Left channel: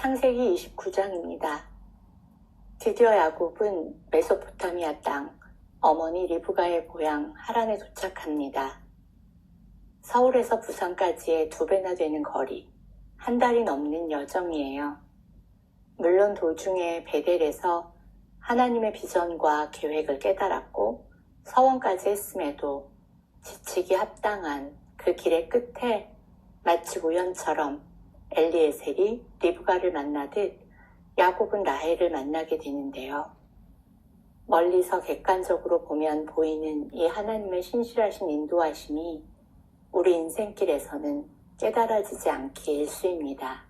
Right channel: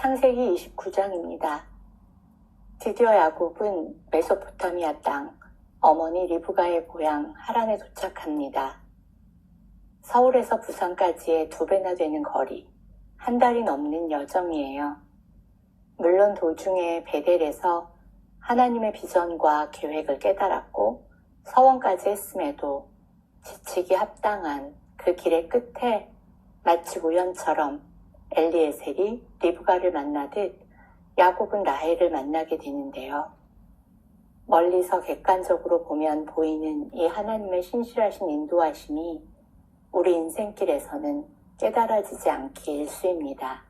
창세기 29장입니다. 드디어 야곱은 메소포타미아 땅, 어머니 리브가의 고향 하란에 도착합니다. 서울에서 부산까지의 2배나 되는 거리, 한 달이 넘는 여정이에요. 물론 도중에 베델에서 하나님의 비전과 계획을 깨달았고 서원까지 했음에도 지치기 합당한 그 길의 끝에 마치 우연처럼 엘리에셀이 리브가를 만나듯 야곱은 라헬을 만나게 되는데요. 멀리서 객관적으로 보면 보이는 이 하나님의 신실하신 인도하심이 우리 인생길에서는 깨달아지지 않기 일쑤입니다.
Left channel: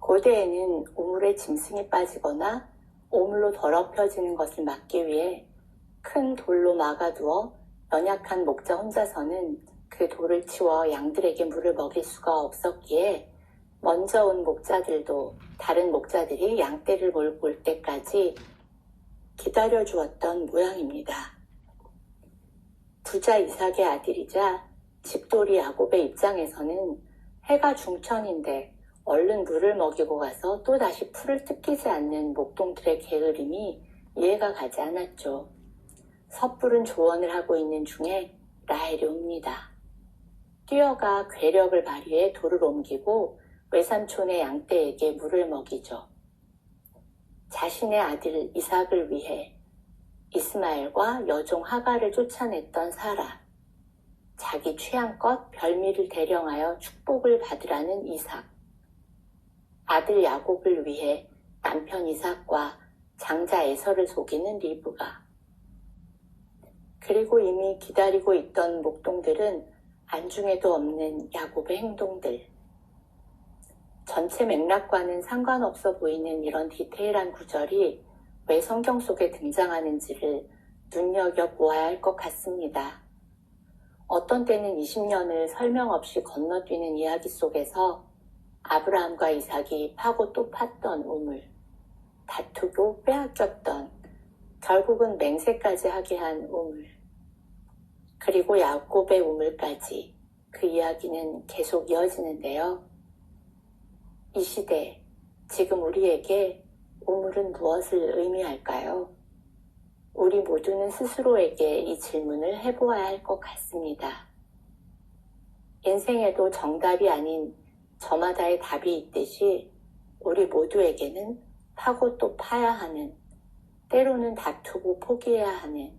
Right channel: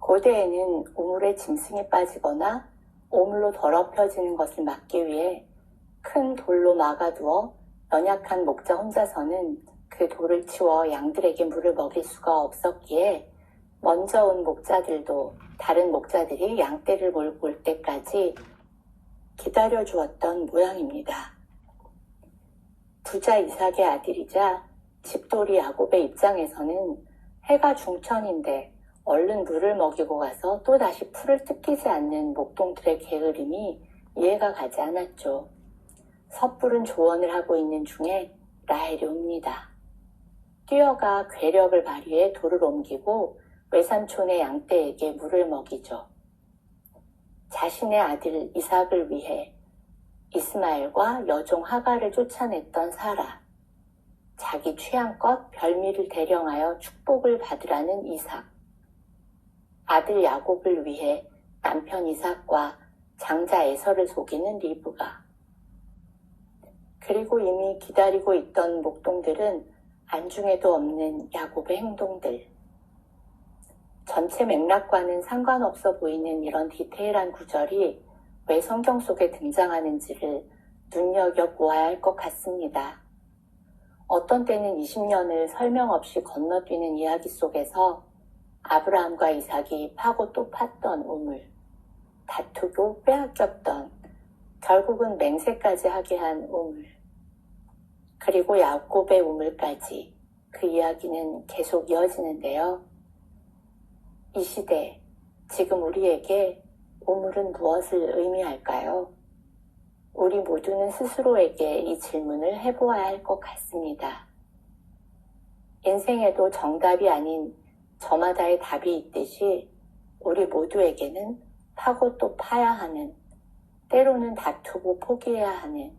고대에는 우물에 짐승이 빠지거나 오물로 더럽혀지는 것을 막기 위해 큰 돌로 막아두어 연약한 목자 혼자서는 그 돌을 치워 양들에게 물을 먹일 수가 없었기에 먼저 온 목자들도 다른 목자들이 양떼를 몰고 올 때까지 기다려 주었던 모양입니다. 부자 이삭의 아들이자 집돌이 야곱의 입장에서는 해가 중천인데 얼른 물을 먹이고 가서 또다시 풀을 뜯기지 않는 목동들의 게으름이 이해가 가지 않았죠. 섣부른 조언을 하고 있는 중에 라헬이 옵니다. 뛰어가 괴력을 발휘해 돌을 옮기고 외삼촌의 양떼에게 물을 먹이죠. 자신의 아들 이삭을 위해 이스마엘과 여종 하갈을 쫓아냈던 사라, 자기 취향껏 별미를 대령하여 축복을 받으라는 이삭, 아들 야곱을 위해 남편 이삭과 장자 에서를 속이는 리브가, 그리고 이미 기다리고 있던 목동들은 안중에도 없는 야곱의 행동들. 전체 맥락과는 상관없어 보이는 이런 디테일한 구절이 왜 성경 속에 등장하는지를 눈여겨보아야 할 것 같습니다. 어떤 때는 20년을 설명 없이 건너뛰는 이야기 속에서 아브라함과 이삭이 파고 또 팠던 우물, 다투고 빼앗겼던, 결국은 맹세까지 하게 한 우물, 그리고 야곱의 우물까지 그 이야기는 계속 이어지는데요. 이 시대, 지금 우리에게 우물은 무엇을 의미할까요? 우리 모두는 스스로에게 이 질문을 해보아야 할 것 같습니다. 인생에도 정답이 아닌 저마다의 답이 있듯이 우리 모두에게는 파고 또 파야 하는, 때로는 다투고 포기해야 하는,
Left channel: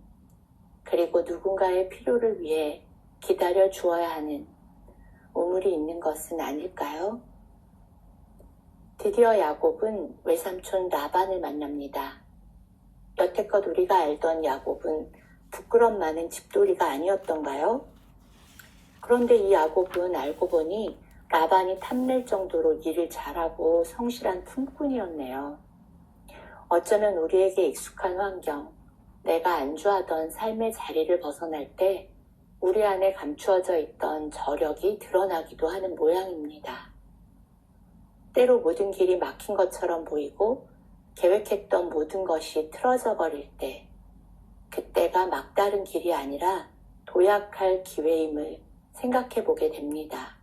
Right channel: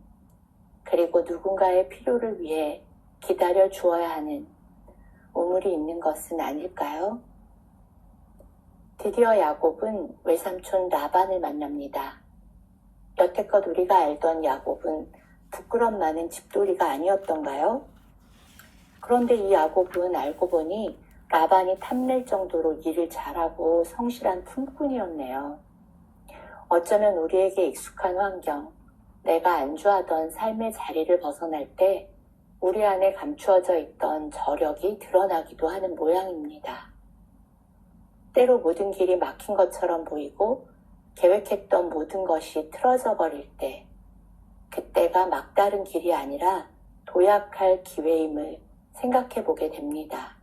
그리고 누군가의 필요를 위해 기다려 주어야 하는 우물이 있는 것은 아닐까요? 드디어 야곱은 외삼촌 라반을 만납니다. 여태껏 우리가 알던 야곱은 부끄럼 많은 집돌이가 아니었던가요? 그런데 이 야곱은 알고 보니 라반이 탐낼 정도로 일을 잘하고 성실한 품꾼이었네요. 어쩌면 우리에게 익숙한 환경, 내가 안주하던 삶의 자리를 벗어날 때 우리 안에 감추어져 있던 저력이 드러나기도 하는 모양입니다. 때로 모든 길이 막힌 것처럼 보이고 계획했던 모든 것이 틀어져 버릴 때, 그때가 막다른 길이 아니라 도약할 기회임을 생각해 보게 됩니다.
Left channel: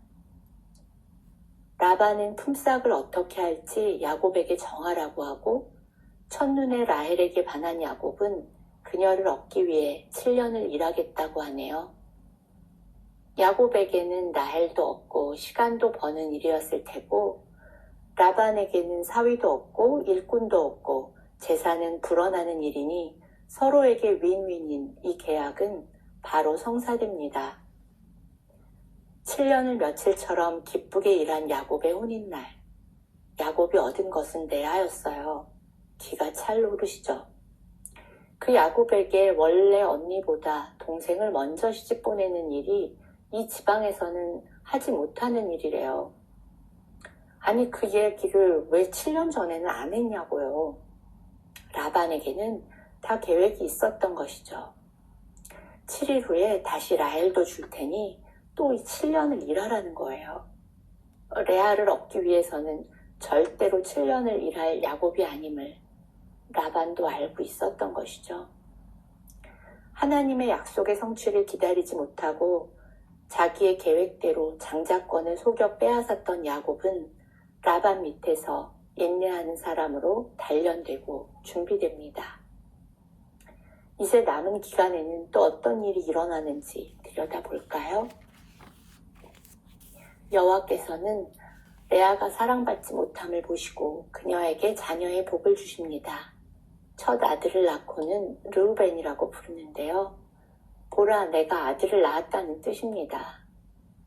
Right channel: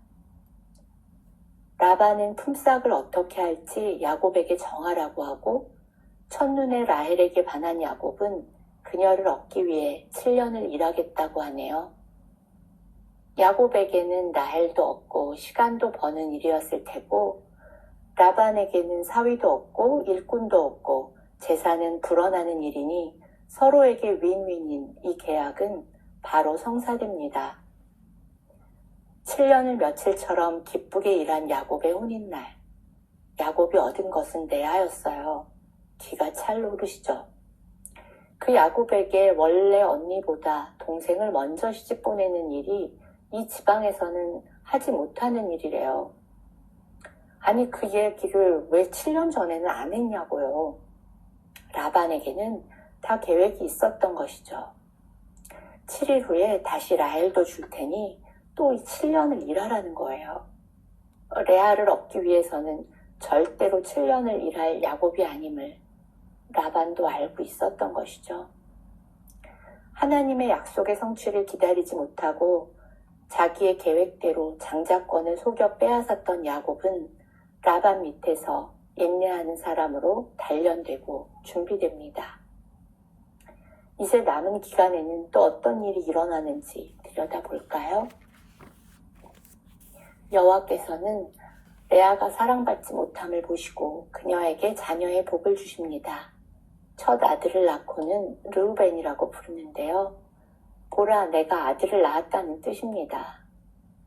라반은 품삯을 어떻게 할지 야곱에게 정하라고 하고 첫눈에 라헬에게 반한 야곱은 그녀를 얻기 위해 7년을 일하겠다고 하네요. 야곱에게는 라헬도 없고 시간도 버는 일이었을 테고 라반에게는 사위도 없고 일꾼도 없고 재산은 불어나는 일이니 서로에게 윈윈인 이 계약은 바로 성사됩니다. 7년을 며칠처럼 기쁘게 일한 야곱의 혼인날, 야곱이 얻은 것은 내하였어요. 기가 찰오르시죠. 그 야곱에게 원래 언니보다 동생을 먼저 시집 보내는 일이 이 지방에서는 하지 못하는 일이래요. 아니 그 얘기를 왜 7년 전에는 안 했냐고요. 라반에게는 다 계획이 있었던 것이죠. 7일 후에 다시 라헬도 줄 테니 또 이 7년을 일하라는 거예요. 레아를 얻기 위해서는 절대로 7년을 일할 야곱이 아님을 라반도 알고 있었던 것이죠. 하나님의 약속의 성취를 기다리지 못하고 자기의 계획대로 장자권을 속여 빼앗았던 야곱은 라반 밑에서 인내하는 사람으로 단련되고 준비됩니다. 이제 남은 기간에는 또 어떤 일이 일어나는지 들여다볼까요? 여호와께서는 레아가 사랑받지 못함을 보시고 그녀에게 자녀의 복을 주십니다. 첫 아들을 낳고는 르우벤이라고 부르는데요. 보라, 내가 아들을 낳았다는 뜻입니다.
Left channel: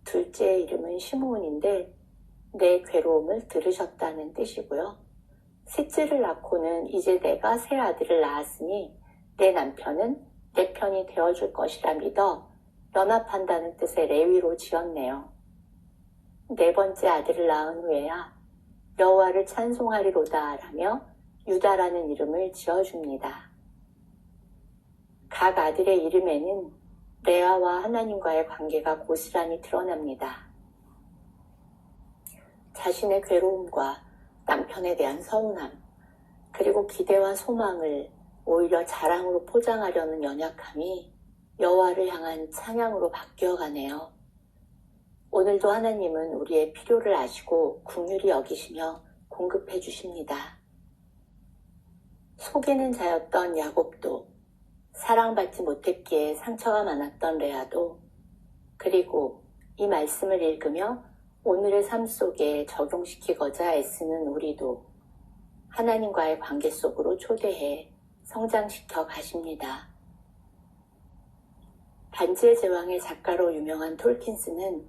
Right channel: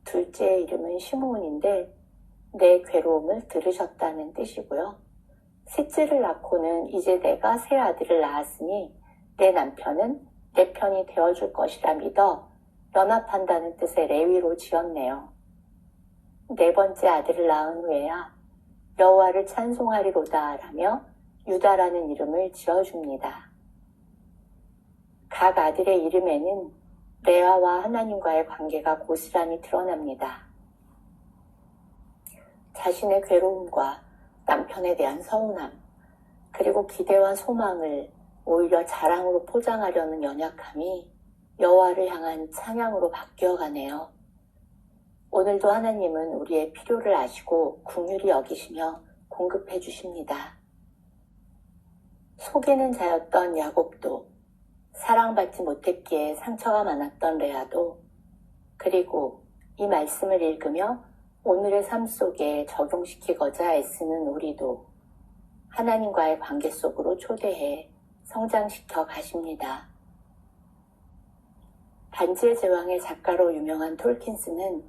둘째의 이름은 시므온인데 내 괴로움을 들으셨다는 뜻이고요. 셋째를 낳고는 이제 내가 새 아들을 낳았으니 내 남편은 내 편이 되어줄 것이라 믿어 연합한다는 뜻의 레위로 지었네요. 네 번째 아들을 낳은 후에야 여호와를 찬송하리로다 라며 유다라는 이름을 지어줍니다. 각 아들의 이름에는 레아와 하나님과의 관계가 고스란히 드러납니다. 자신의 괴로움과 남편에 대한 서운함, 그리고 기대와 소망을 오히려 자랑으로 포장하려는 연약함이 여호와를 향한 찬양으로 바뀌어가네요. 오늘도 하나님은 우리의 필요를 아시고 긍휼히 여기시며 공급해 주십니다. 속이는 자였던 야곱도, 사랑받지 못했기에 상처가 많았던 레아도, 그리고 이 말씀을 읽으며 오늘의 삶 속에 적용시키고자 애쓰는 우리도 하나님과의 관계 속으로 초대해 성장시켜 가십니다. 반지의 제왕의 작가로 유명한 톨킨스는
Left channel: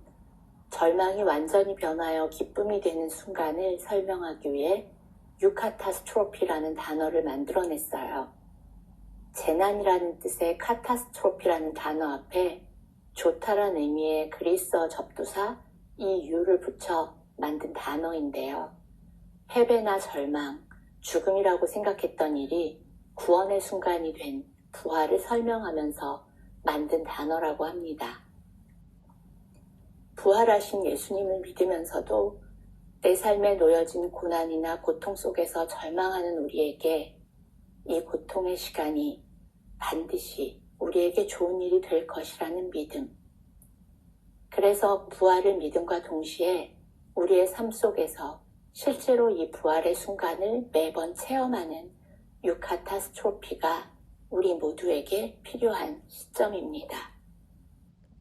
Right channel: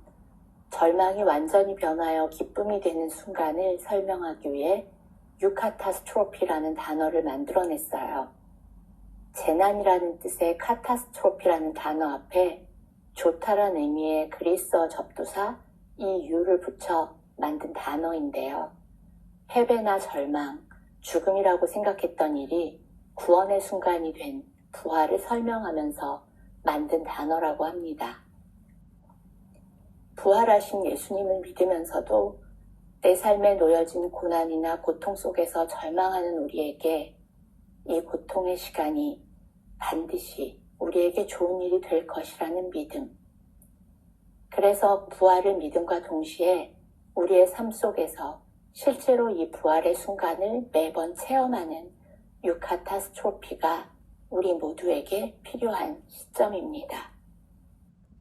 절망이 완전히 변하여 기쁨이 되는 순간을 설명하기 위해 유카타스트로피라는 단어를 만들어냈어요. 재난이라는 뜻의 카타스트로피라는 단어 앞에 좋다란 의미의 그리스어 접두사 이 유를 붙여 만든 단어인데요. 패배나 절망, 죽음이라고 생각했던 일이 구원의 순간이 된 부활을 설명하면서 만든 단어라고 합니다. 부활하신 예수님을 믿으면서도 내 삶에 놓여진 고난이나 고통 속에서 절망하는 우리에게 이 고통의 시간이 반드시 우리에게 좋은 일이 될 것이라는 믿음. 그래서 부활의 믿음과 동시에 우리의 삶 속에서 실제로 이 부활의 순간을 매번 체험하는 유카타스트로피가 우리 모두에게 필요한 시점입니다.